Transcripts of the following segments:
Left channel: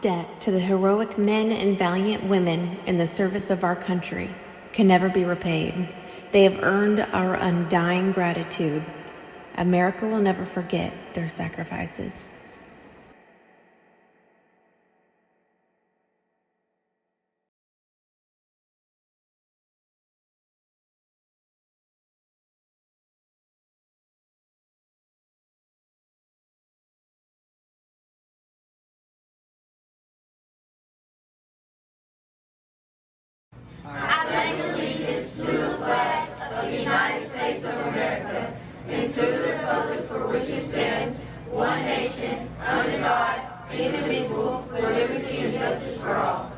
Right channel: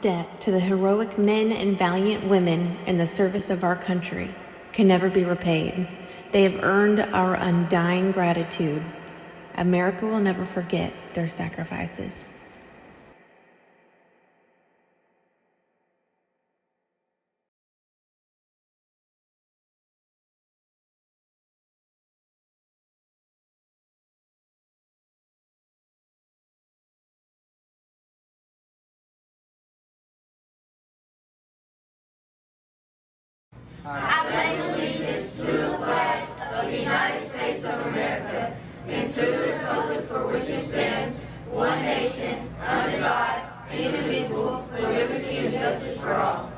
debt to the heroic men and valiant women in the service of our country can never be repaid. They have earned our undying gratitude. America will never forget their sacrifices. I pledge allegiance to the flag of the United States of America and to the republic for which it stands, one nation, under God, indivisible, with liberty and justice for all.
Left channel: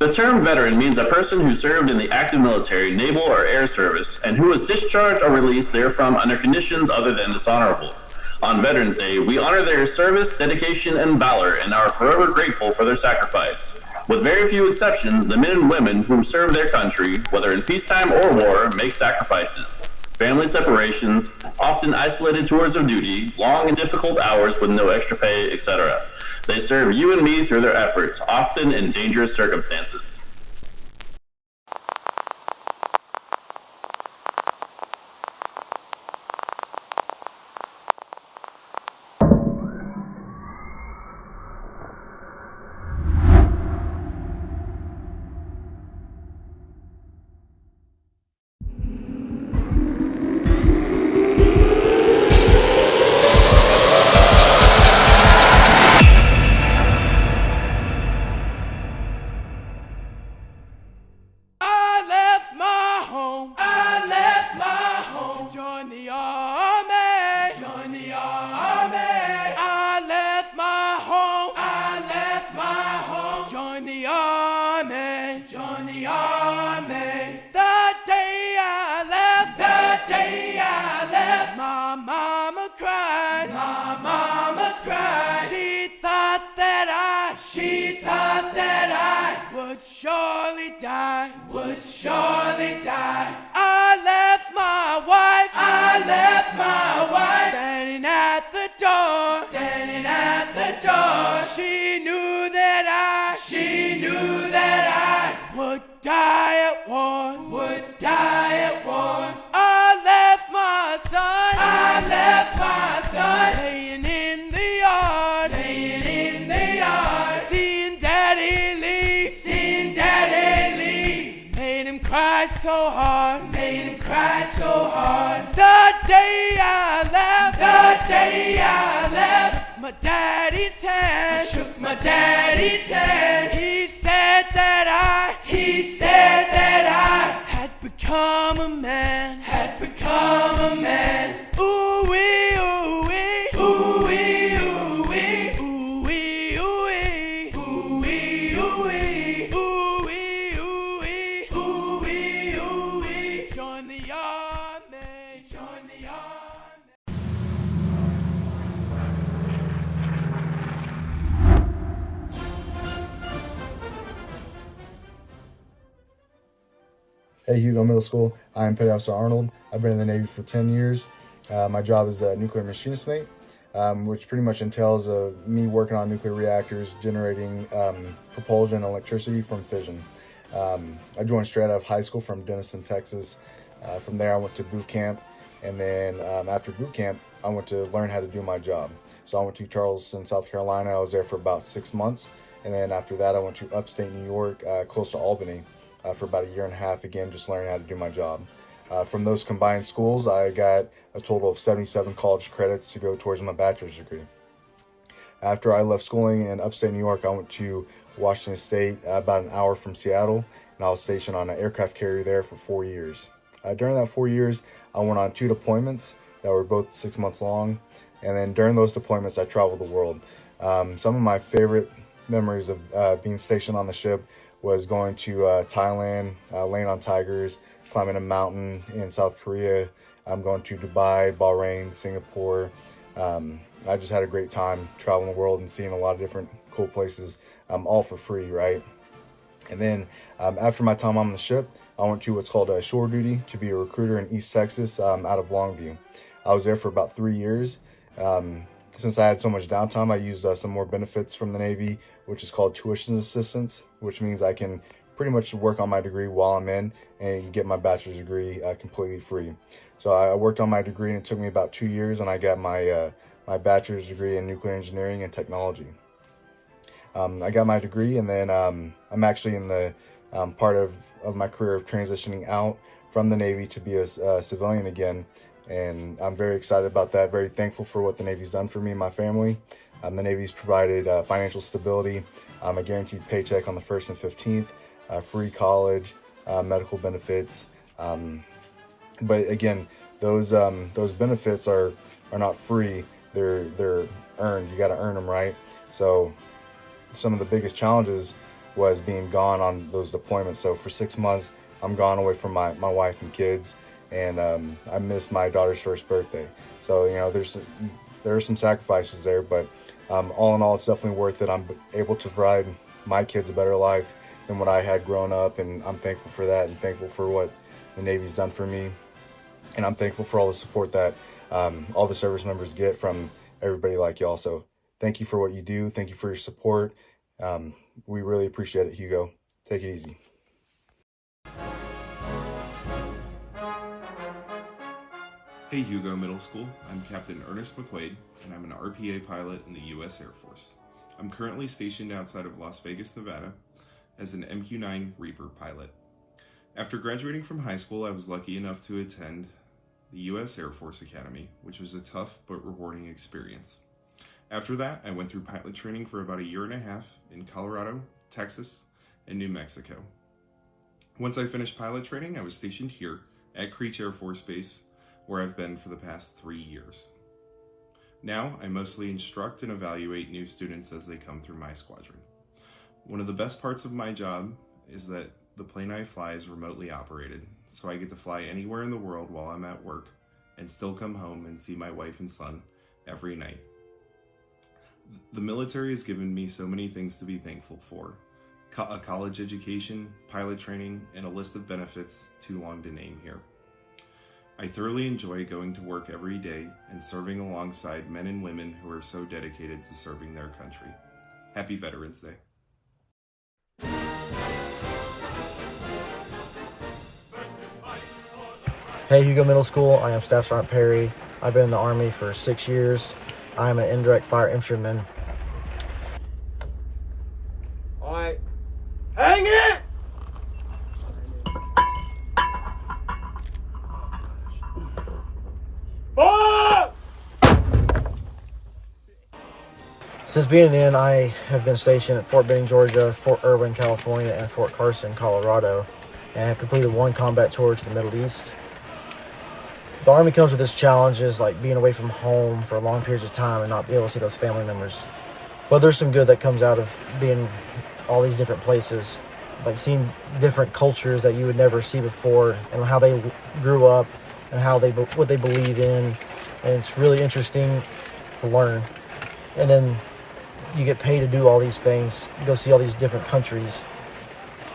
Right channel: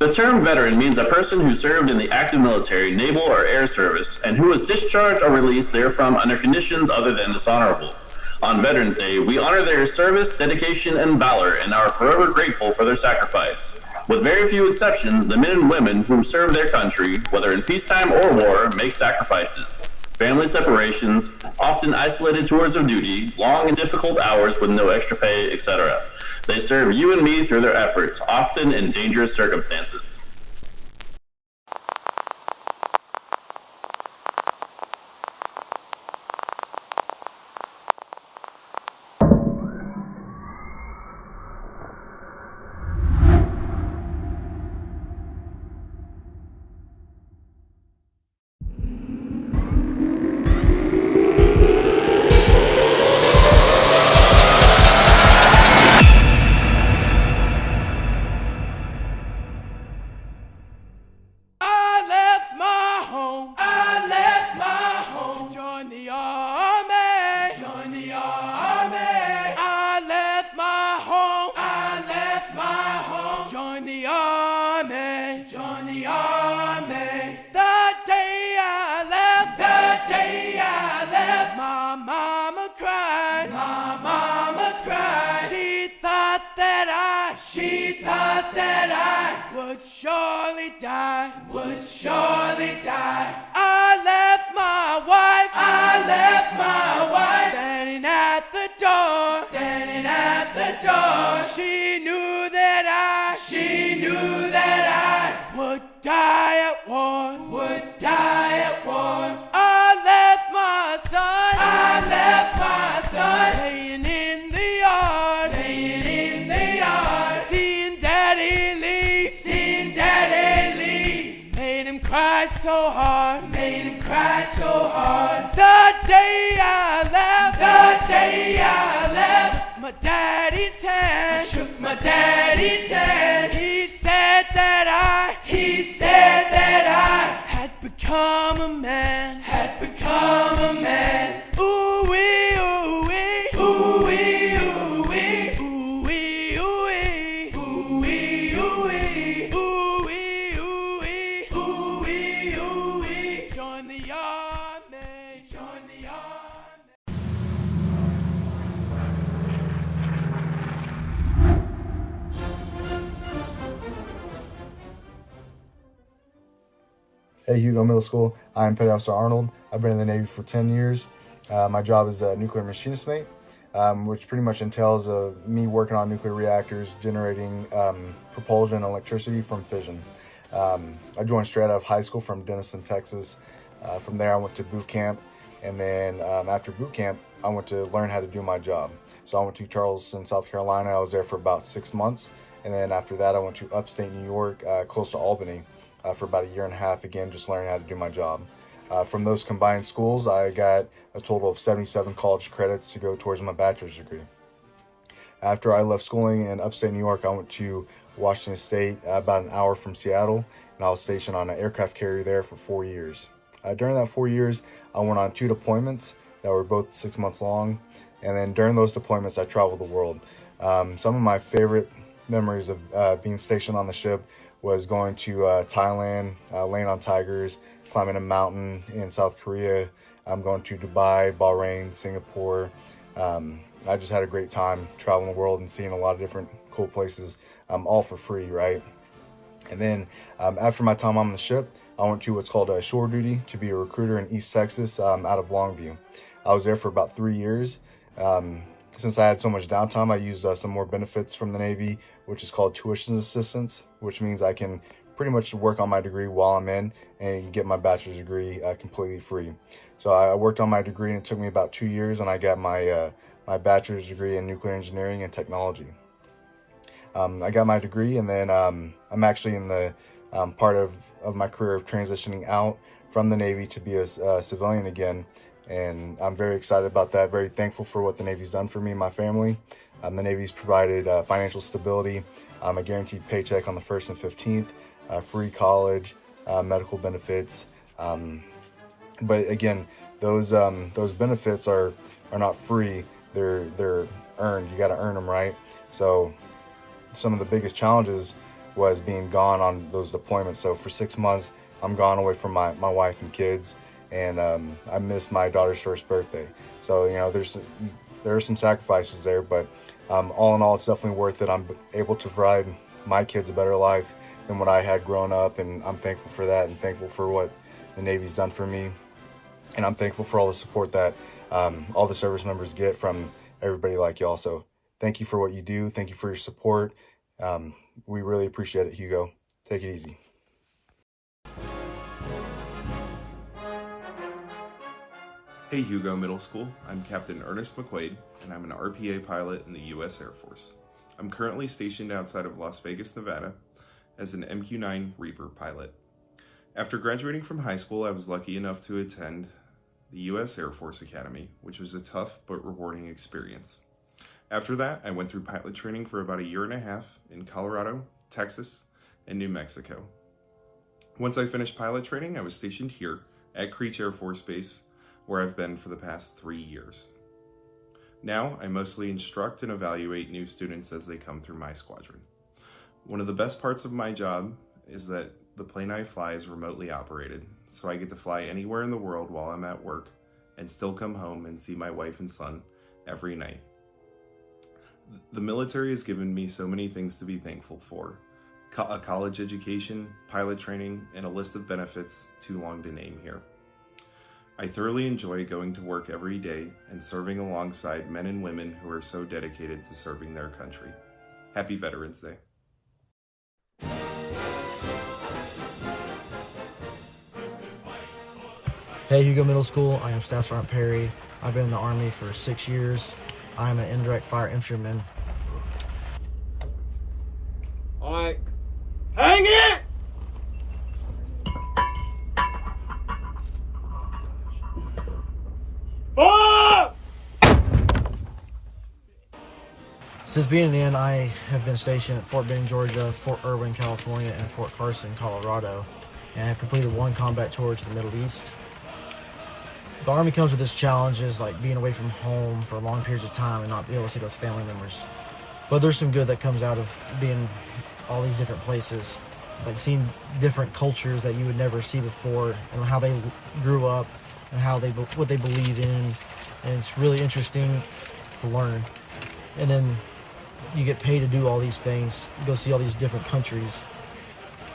The term veteran means a person who served in the active military, naval, or air service, and who was discharged or released therefrom under conditions other than dishonorable. On Veterans Day, we honor their service, dedication, and valor, and are forever grateful for their sacrifice. With very few exceptions, the men and women who serve their country, whether in peacetime or war, make sacrifices. Family separations, often isolated tours of duty, long and difficult hours with no extra pay, etc. They serve you and me through their efforts, often in dangerous circumstances. Would surely die. I left my wife, standing at the door, she knew that I would die at war, I left my son, playing in the yard, seeing daddy leave, made him cry so hard, the day I left, my daddy's hand, shook my daddy's hand, he said that I had become a man, ooh wee, ooh wee, ooh wee, ooh wee, ooh wee, ooh wee, ooh wee, ooh wee, ooh wee, ooh wee, ooh wee, ooh wee, join the army, join the army. Hey, Hugo Middle School. I'm Petty Officer Arnold. I've been in the Navy for 10 years. My job is a nuclear machinist mate, which pretty much entails me working on nuclear reactors, generating propulsion and electricity from fission. I joined straight out of high school from Denison, Texas. From there, I went to boot camp, and then after boot camp, I went to learn how to do my job. So I went to Charleston, South Carolina. I was there for about 6 months, and then after that, I went to upstate New York, close to Albany, for about a year and a half, again, just learning how to do my job. From those combined schools, I got a total of 77 college credits to go towards my bachelor's degree. After I left schooling in upstate New York, I went to Washington State, about an hour from Seattle, and I was stationed on an aircraft carrier there for 4 years. During that 4 years, I went on 2 deployments that were both 6 months long, and then during those deployments, I traveled the world. Some of my favorite memories of being stationed on the ship was going to Thailand, laying on tigers, climbing a mountain in South Korea. I'm going to Dubai, Bahrain, Singapore. I just had a great time traveling the world and seeing a lot of different cool places, all for free, right? And then after my time on the ship, I went to what's called shore duty to be a recruiter in East Texas, out of Longview. I was there for about 3 years. Since I had so much downtime, I used some more benefits from the Navy, which is called tuition assistance, which means I can pretty much work on my degree while I'm in and get my bachelor's degree completely free. So I worked on my degree, and it took me about 2 years, and I got my my bachelor's degree in nuclear engineering and technology. I got my degree, and then I'm actually in the part of my career of transitioning out from the Navy to be a civilian again. And I'm very excited about that, very thankful for what the Navy's done for me and my family. The Navy's provided financial stability, a guaranteed paycheck on the 1st and 15th, free college, medical benefits. But again, those benefits are not free, they're earned. You gotta earn them, right? So some of the biggest challenges was being gone on those deployments. So for 6 months, I'm gone away from my wife and kids. And I missed my daughter's first birthday. So, you know, there are some sacrifices there, but all in all, it's definitely worth it. I'm able to provide my kids a better life than what I had growing up, and I'm thankful for that, and thankful for what the Navy's done for me. And I'm thankful for all the support that all the service members get from everybody like y'all. So thank you for what you do. Thank you for your support. We really appreciate it, Hugo. Take it easy. Hey Hugo Middle School, I'm Captain Ernest McQuaid, and I'm an RPA pilot in the U.S. Air Force. I'm currently stationed outside of Las Vegas, Nevada, as an MQ-9 Reaper pilot. After graduating from high school, I was lucky enough to attend the U.S. Air Force Academy, which was a tough but rewarding experience. After that, I went through pilot training for about a year and a half in Colorado, Texas, and New Mexico. Once I finished pilot training, I was stationed here at Creech Air Force Base, where I've been for the past 3 years. Now, I mostly instruct and evaluate new students as they come through my squadron. One of the best parts of my job is that the plane I fly is remotely operated, so I get to fly anywhere in the world while I'm at work and still come home and see my wife and son every night. The military has given me so many things to be thankful for. A college education, pilot training, and a list of benefits too long to name here. I thoroughly enjoy going to work every day and serving alongside men and women who are so dedicated to serving their country. Happy Veterans Day. Hey Hugo Middle School, I am Staff Sergeant Perry. I've been in the Army for 6 years. I am an indirect fire infantryman. All right, hang it! Since being in, I have been stationed at Fort Benning, Georgia, Fort Irwin, California, and Fort Carson, Colorado, and have completed 1 combat tour to the Middle East. The Army comes with its challenges, like being away from home for long periods of time and not be able to see those family members. But there's some good that comes out of being all these different places, like seeing different cultures that you would never see before, and how they grew up, and what they believe in, and it's really interesting to learn. And then you get paid to do all these things, go see all these different countries,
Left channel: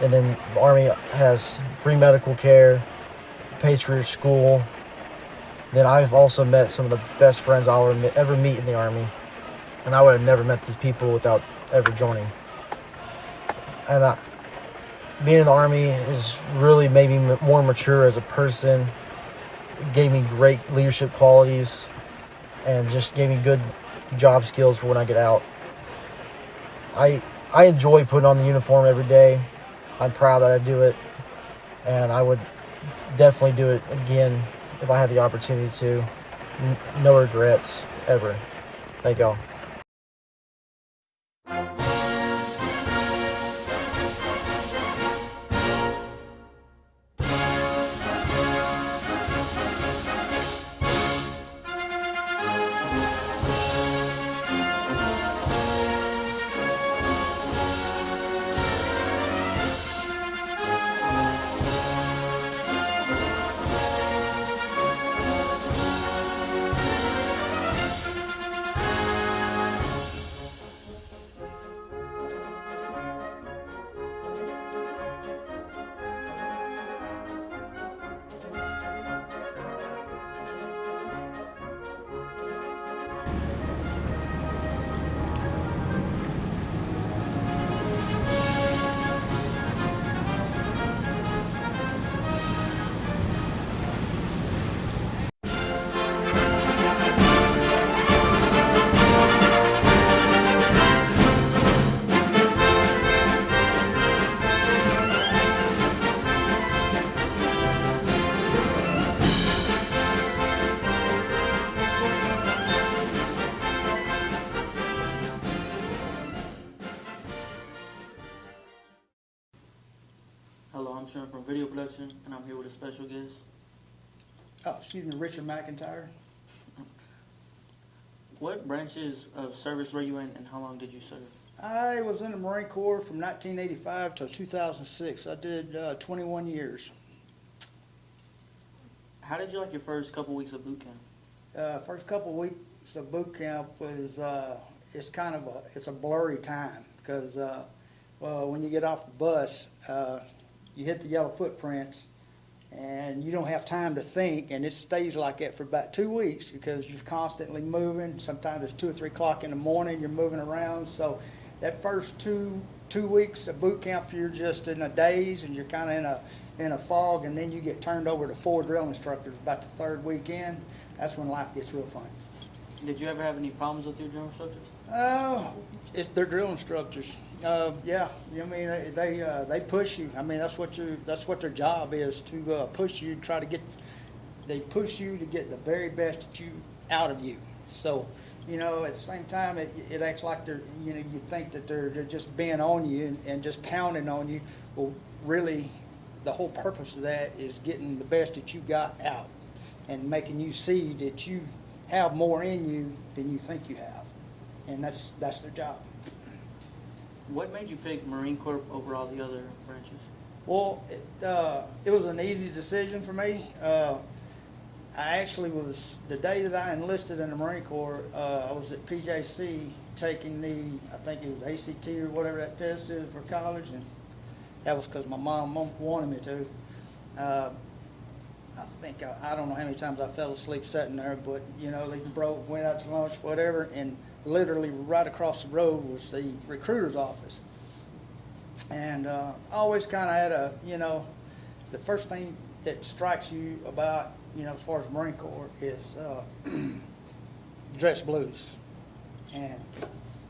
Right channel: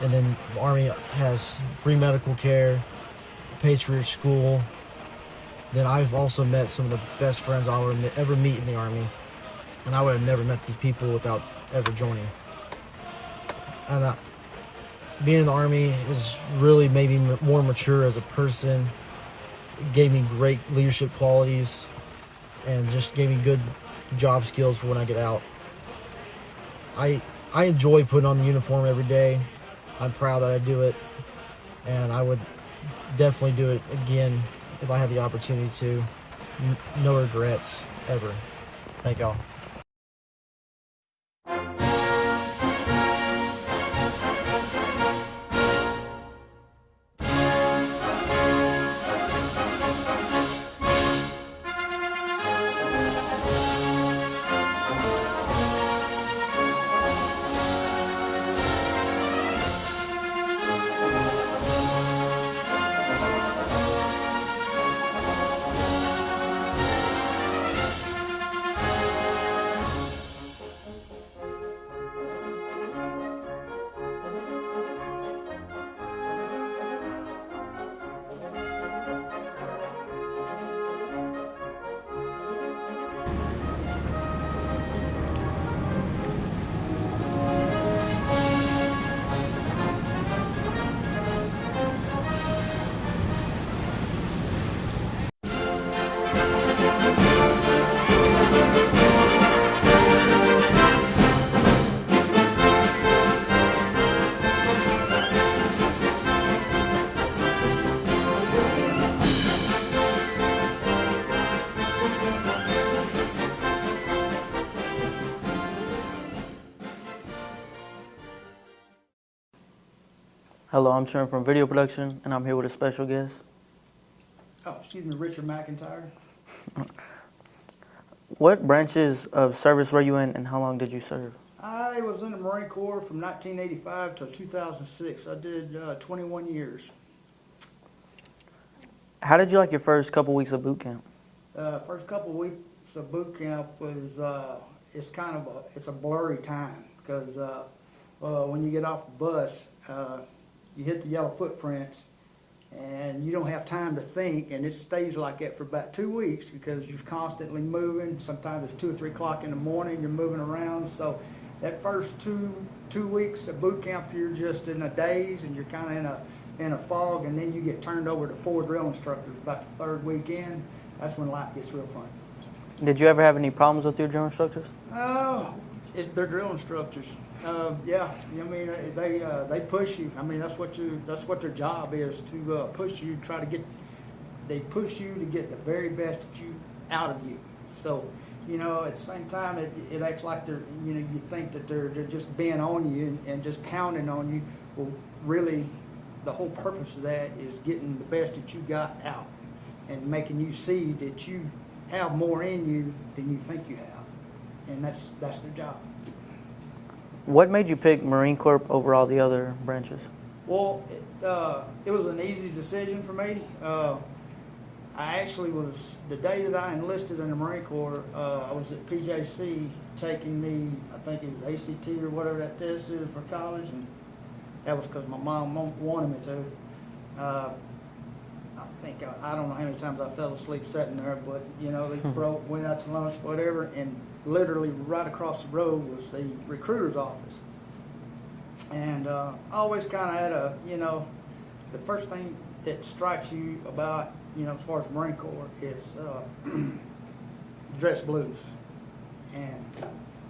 And then the Army has free medical care, pays for your school. Then I've also met some of the best friends I'll ever meet in the Army. And I would have never met these people without ever joining. And being in the Army has really made me more mature as a person, gave me great leadership qualities, and just gave me good job skills for when I get out. I enjoy putting on the uniform every day. I'm proud that I do it, and I would definitely do it again if I had the opportunity to. No regrets, ever. Thank y'all. Hello, I'm Trent from video production, and I'm here with a special guest. Oh, excuse me, Richard McIntyre. What branches of service were you in, and how long did you serve? I was in the Marine Corps from 1985 to 2006. I did 21 years. How did you like your first couple weeks of boot camp? First couple of weeks of boot camp was it's a blurry time because when you get off the bus, you hit the yellow footprints, and you don't have time to think, and it stays like that for about 2 weeks because you're constantly moving. Sometimes it's 2 or 3 o'clock in the morning, you're moving around. So that first two weeks of boot camp, you're just in a daze, and you're kind of in a fog, and then you get turned over to 4 drill instructors about the third weekend. That's when life gets real fun. Did you ever have any problems with your drill instructors? They're drill instructors. Yeah, I mean they push you. I mean that's what their job is, to push you, they push you to get the very best out of you. So, at the same time it acts like they're, you think that they're just being on you and just pounding on you. Well, really, the whole purpose of that is getting the best that you got out and making you see that you have more in you than you think you have, and that's their job. What made you pick Marine Corps over all the other branches? Well, it was an easy decision for me. I actually was, the day that I enlisted in the Marine Corps, I was at PJC taking I think it was ACT or whatever that test is for college, and that was because my mom wanted me to. I don't know how many times I fell asleep sitting there, but, they went out to lunch, whatever, and literally right across the road was the recruiter's office. And I always kind of had the first thing that strikes you about, as far as Marine Corps is dress blues. And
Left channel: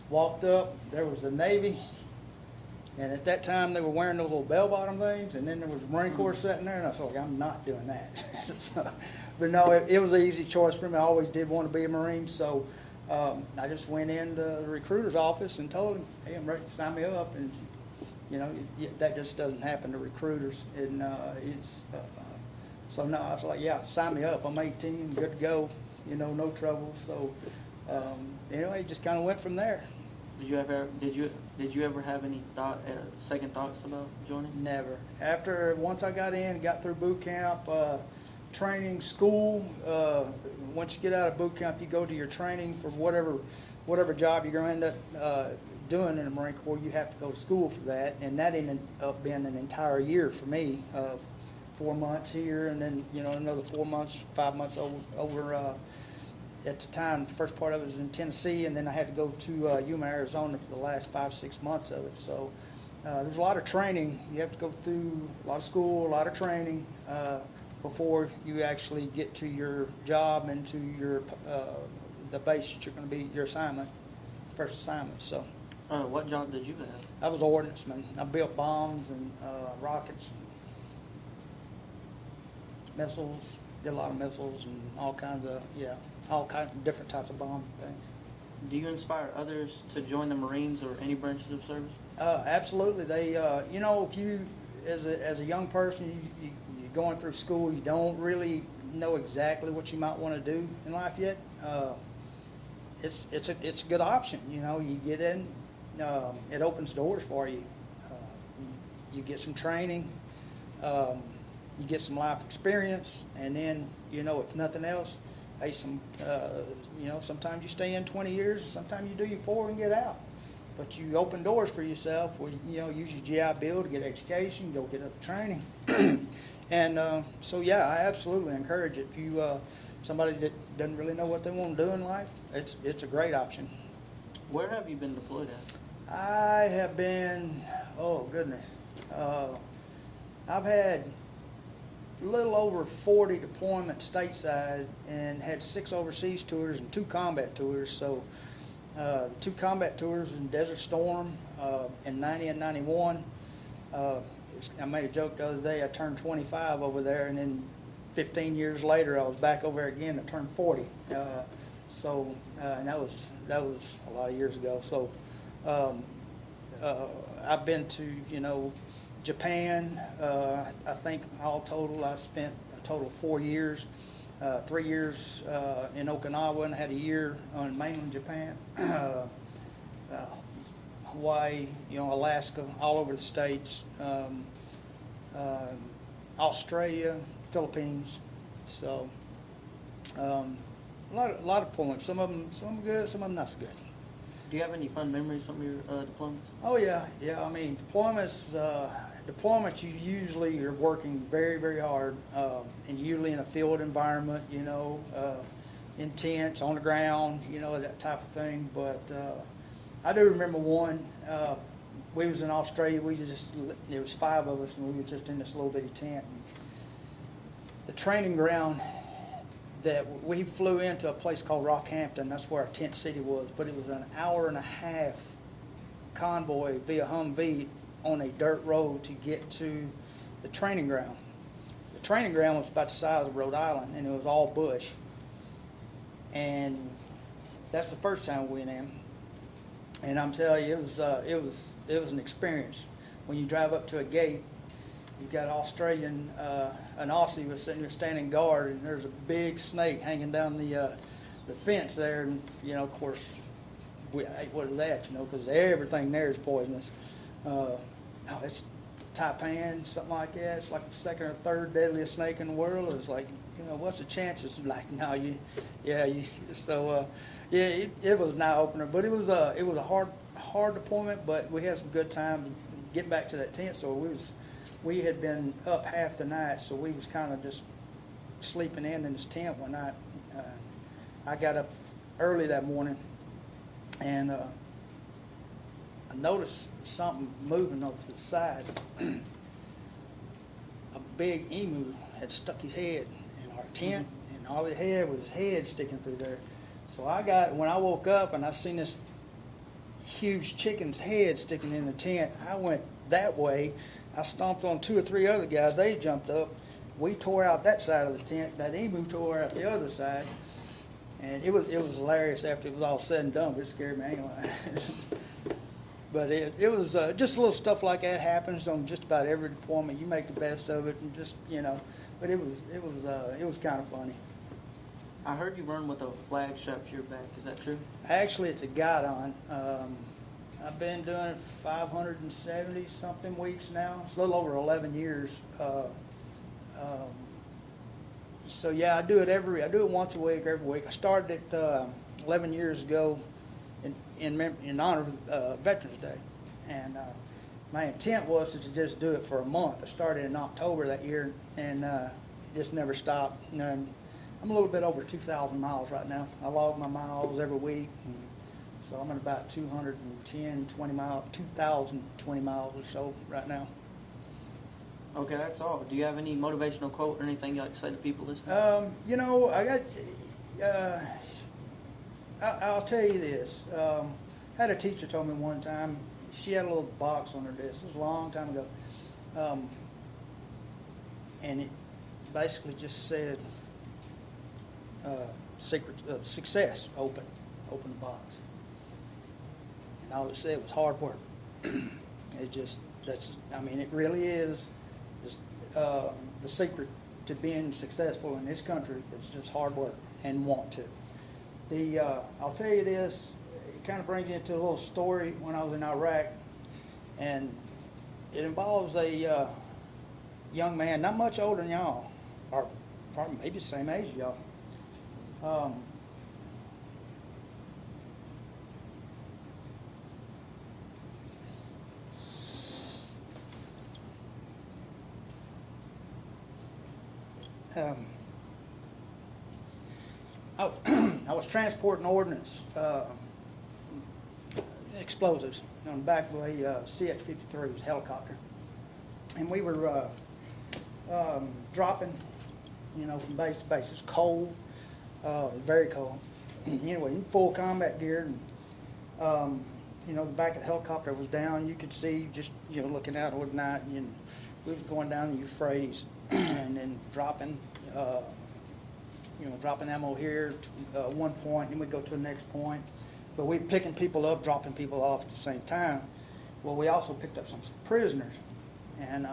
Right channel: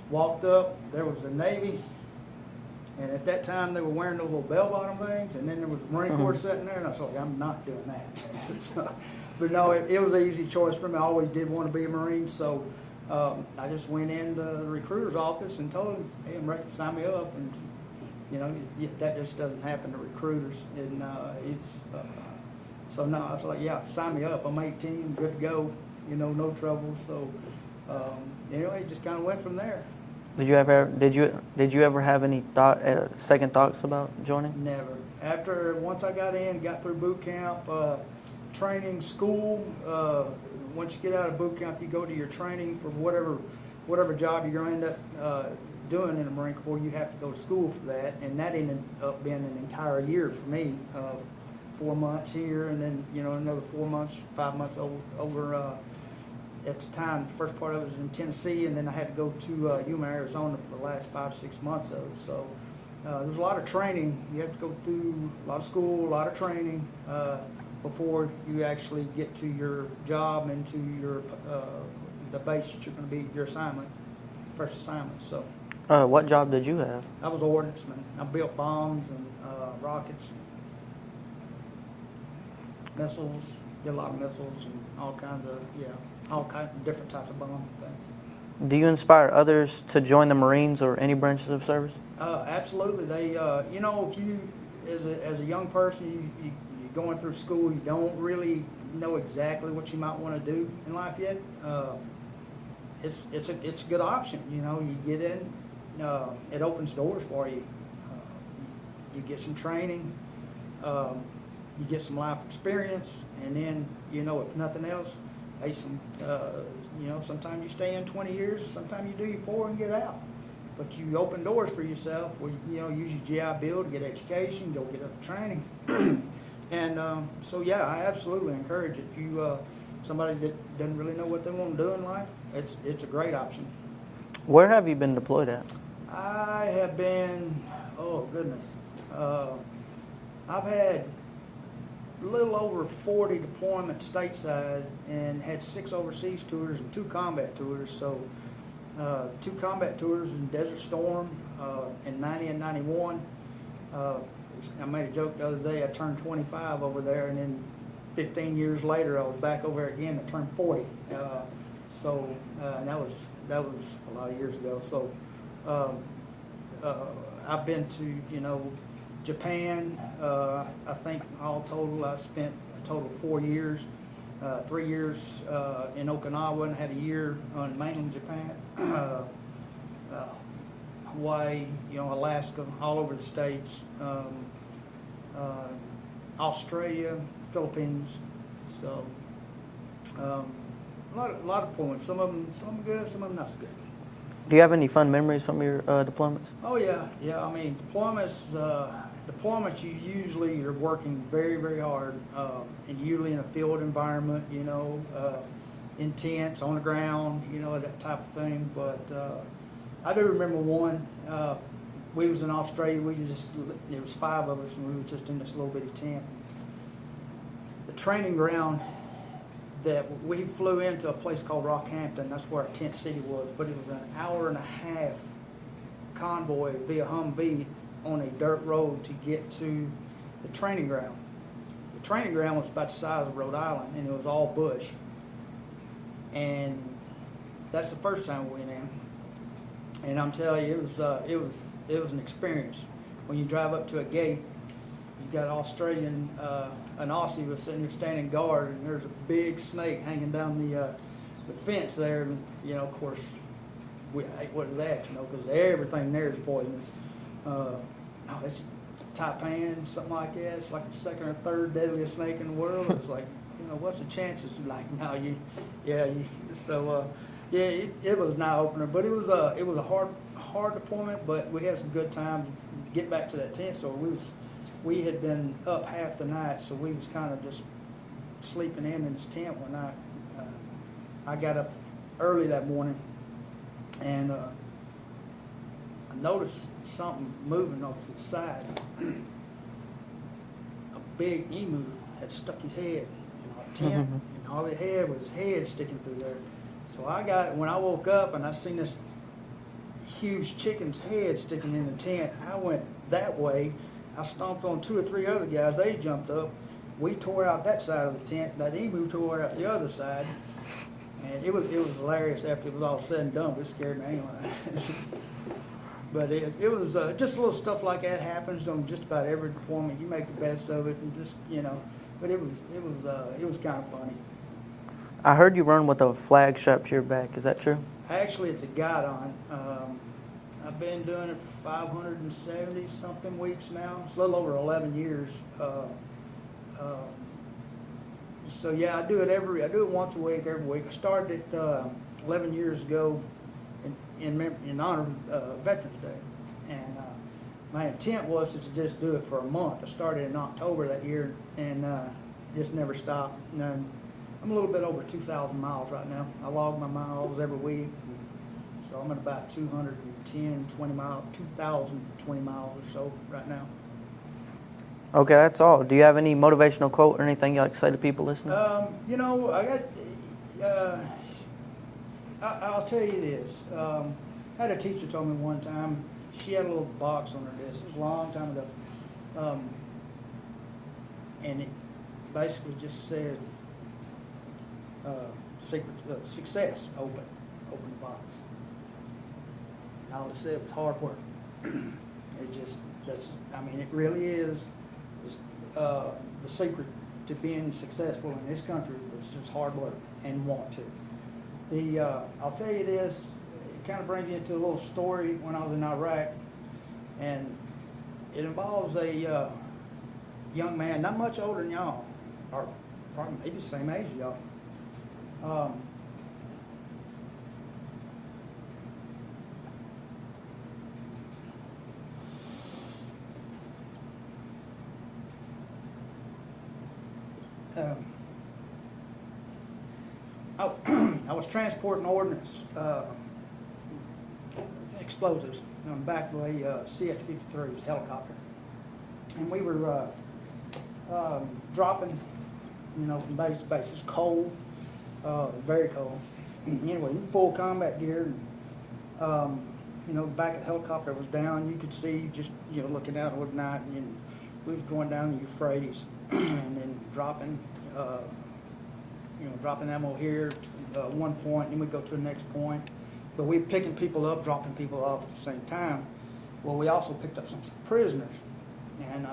walked up, there was the Navy, and at that time they were wearing those little bell-bottom things, and then there was the Marine Corps sitting there, and I was like, I'm not doing that. But no, it was an easy choice for me. I always did want to be a Marine, so I just went into the recruiter's office and told him, hey, I'm ready to sign me up. And, that just doesn't happen to recruiters. And so no, I was like, yeah, sign me up. I'm 18, good to go, no trouble. So anyway, just kind of went from there. Did you ever have any second thoughts about joining? Never. Once I got through boot camp, training, school, once you get out of boot camp, you go to your training for whatever job you're going to end up doing in the Marine Corps, you have to go to school for that, and that ended up being an entire year for me. 4 months here, and then another 4 months, 5 months over. At the time, the first part of it was in Tennessee, and then I had to go to Yuma, Arizona for the last 5-6 months of it. So there's a lot of training. You have to go through a lot of school, a lot of training before you actually get to your job and to your the base that you're going to be, your assignment, first assignment. So. What job did you have? I was an ordnanceman. I built bombs and rockets, missiles. Did a lot of missiles and all kinds of different types of bombs and things. Do you inspire others to join the Marines or any branches of service? Absolutely. They, if you, as a young person, you're going through school, you don't really know exactly what you might want to do in life yet. It's a good option. You get in, it opens doors for you. You get some training, you get some life experience, and then if nothing else, sometimes you stay in 20 years, sometimes you do 4 and get out. But you open doors for yourself. Where use your GI Bill to get education, go get up training, and I absolutely encourage it. If you somebody that doesn't really know what they want to do in life, it's a great option. Where have you been deployed at? I have been, oh goodness, I've had a little over 40 deployments stateside and had 6 overseas tours and 2 combat tours. So 2 combat tours in Desert Storm in 90 and 91. I made a joke the other day, I turned 25 over there, and then 15 years later I was back over there again to turn 40. And that was a lot of years ago. So I've been to Japan. I think all total I spent a total of 4 years. 3 years in Okinawa, and had a year on mainland Japan. Hawaii, Alaska, all over the states. Australia, Philippines. So a lot of deployments. Some of them good, some of them not so good. Do you have any fun memories from your deployments? Oh yeah. I mean, deployments. You're working very, very hard, and usually in a field environment. In tents on the ground. That type of thing. But I do remember one. We was in Australia. There was 5 of us, and we were just in this little bitty tent. The training ground that we flew into a place called Rockhampton. That's where our tent city was. But it was an hour-and-a-half convoy via Humvee on a dirt road to get to the training ground. The training ground was about the size of Rhode Island, and it was all bush. And that's the first time we went in. And I'm telling you, it was an experience. When you drive up to a gate, you've got an Aussie was sitting there standing guard, and there's a big snake hanging down the fence there. And of course, we ate what is that? Because everything there is poisonous. It's taipan, something like that. It's like the 2nd or 3rd deadliest snake in the world. It's like, what's the chances? Like, no, it was an eye opener, but it was a hard deployment, but we had some good time to get back to that tent. So we had been up half the night, so we was kind of just sleeping in this tent one night. I got up early that morning, and I noticed something moving over to the side. A big emu had stuck his head in our tent, and all it had was his head sticking through there. So when I woke up and I seen this huge chicken's head sticking in the tent, I went that way. I stomped on 2 or 3 other guys. They jumped up. We tore out that side of the tent. That emu tore out the other side. And it was hilarious after it was all said and done. It scared me anyway. But it was just a little stuff like that happens on just about every deployment. You make the best of it, and just But it was kind of funny. I heard you run with a flag strapped to your back. Is that true? Actually, it's a guidon. I've been doing it 570 something weeks now. It's a little over 11 years. So yeah, I do it once a week, every week. I started it 11 years ago in honor of Veterans Day. And my intent was to just do it for a month. I started in October that year and just never stopped. And I'm a little bit over 2,000 miles right now. I log my miles every week. So I'm at about 220 miles, 2,020 miles or so right now. Okay, that's all. Do you have any motivational quote or anything you'd like to say to people listening? You know, I got, I'll tell you this. I had a teacher told me one time, she had a little box on her desk. It was a long time ago. And it basically just said, success, open the box. And all it said was hard work. It really is the secret to being successful in this country is just hard work and want to. I'll tell you this, it kind of brings you into a little story when I was in Iraq, and it involves a young man, not much older than y'all, or probably maybe the same age as y'all. I was transporting ordnance, explosives on the back of a CF-53, it was a helicopter. And we were dropping, from base to base. It was cold, very cold. Anyway, in full combat gear. And, the back of the helicopter was down. You could see, just, looking out over the night. And we was going down the Euphrates and then dropping ammo here to one point, and we go to the next point. But we were picking people up, dropping people off at the same time. Well, we also picked up some prisoners. And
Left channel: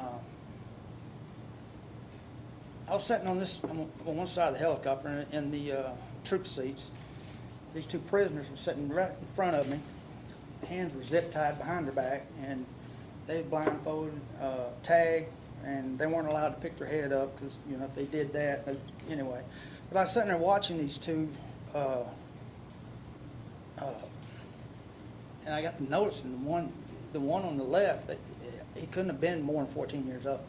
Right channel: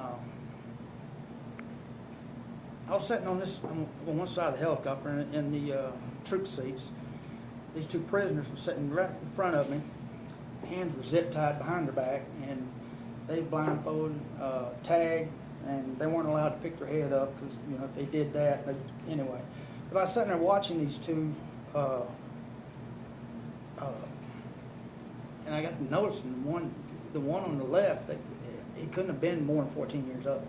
I was sitting on one side of the helicopter in the troop seats. These two prisoners were sitting right in front of me. Hands were zip tied behind their back, and they blindfolded, tagged, and they weren't allowed to pick their head up because if they did that, anyway. But I was sitting there watching these two, and I got to noticing the one on the left, that he couldn't have been more than 14 years old.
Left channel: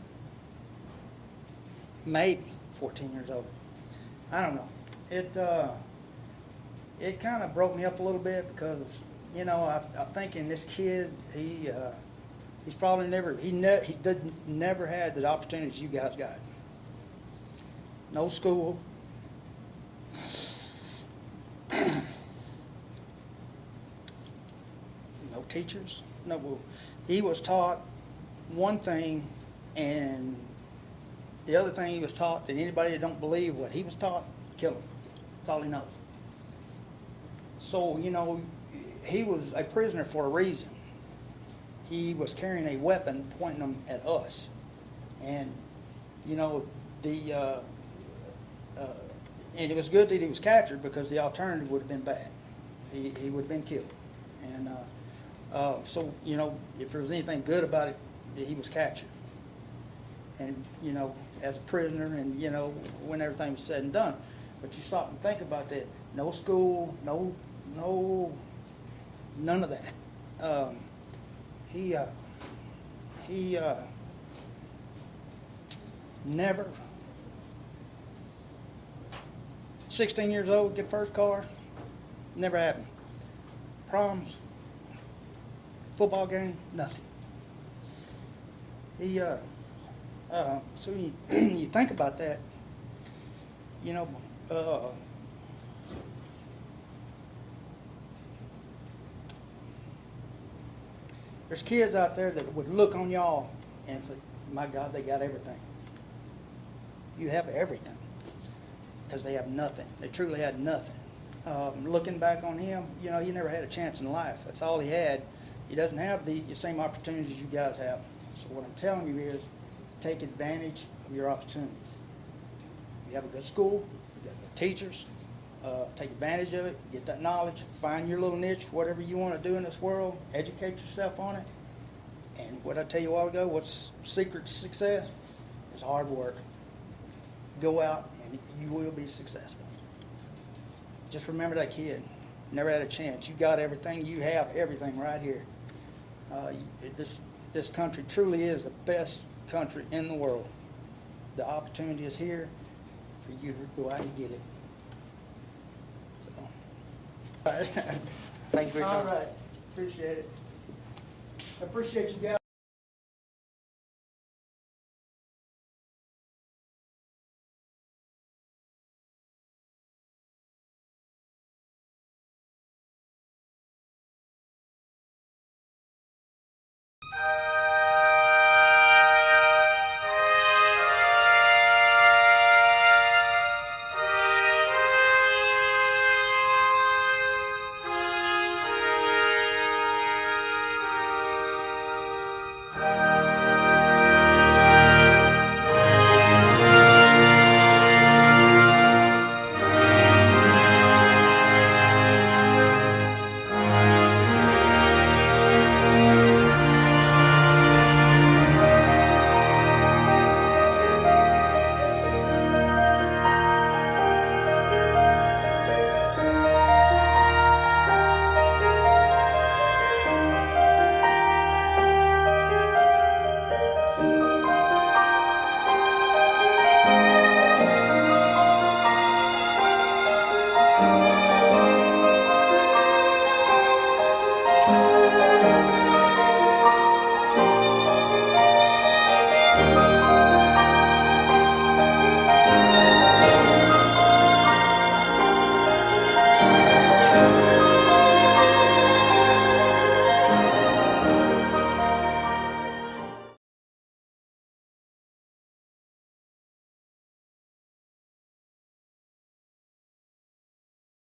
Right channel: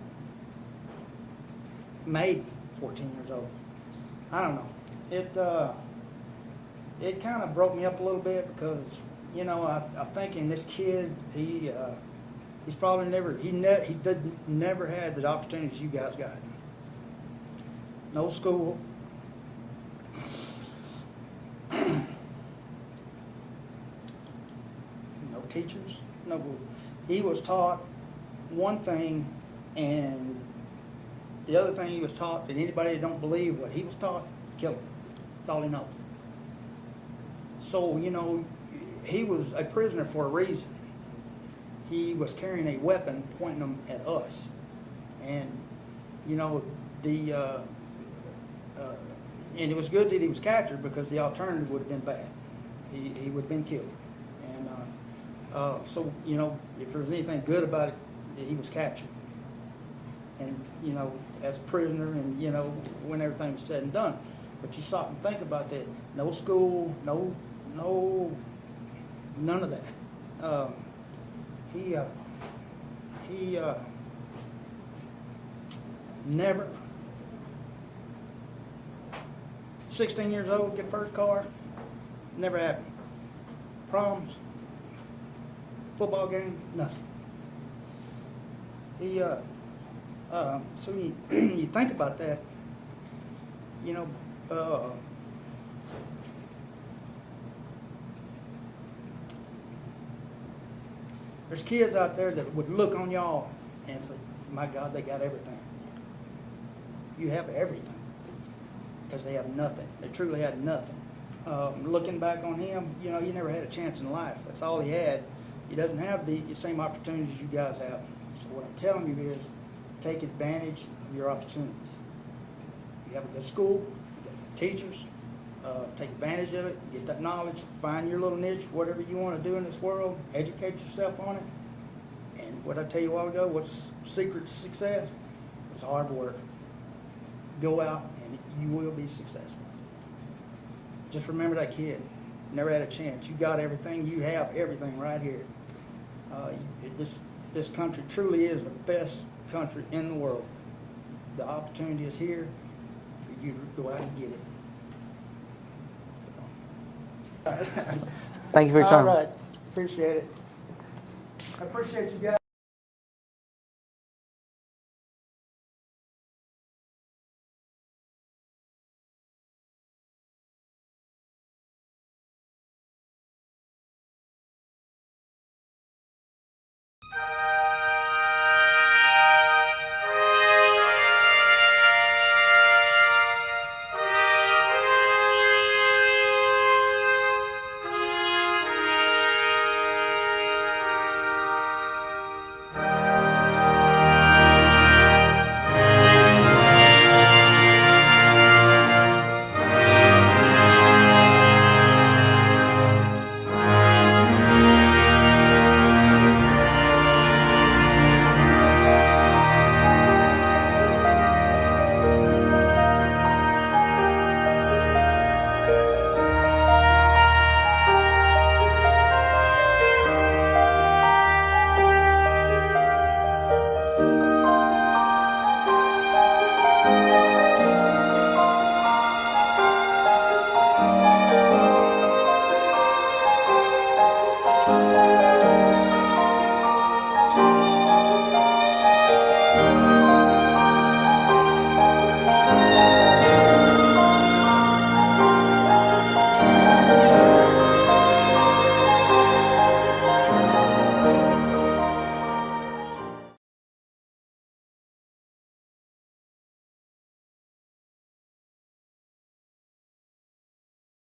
Maybe 14 years old. I don't know. It kind of broke me up a little bit because, I'm thinking this kid, he's probably never had the opportunities you guys got. No school. No teachers. No. He was taught one thing, and the other thing he was taught, and anybody that don't believe what he was taught, kill him. That's all he knows. So, he was a prisoner for a reason. He was carrying a weapon pointing them at us. And, and it was good that he was captured because the alternative would have been bad. He would have been killed. And so, if there was anything good about it, he was captured. And, as a prisoner and, when everything was said and done. But you stop and think about that. No school, none of that. He never, 16 years old, get first car, never happened. Proms, football game, nothing. So when you think about that, there's kids out there that would look on y'all and say, my God, they got everything. You have everything. Because they have nothing. They truly had nothing. Looking back on him, he never had a chance in life. That's all he had. He doesn't have the same opportunities you guys have. So what I'm telling you is, take advantage of your opportunities. You have a good school, you got good teachers, take advantage of it, get that knowledge, find your little niche, whatever you want to do in this world, educate yourself on it. And what I tell you a while ago, what's the secret to success? It's hard work. Go out and you will be successful. Just remember that kid. never had a chance. You got everything. You have everything right here. This country truly is the best country in the world. The opportunity is here for you to go out and get it. So. Thank you for your time. All right. Appreciate it. I appreciate you guys.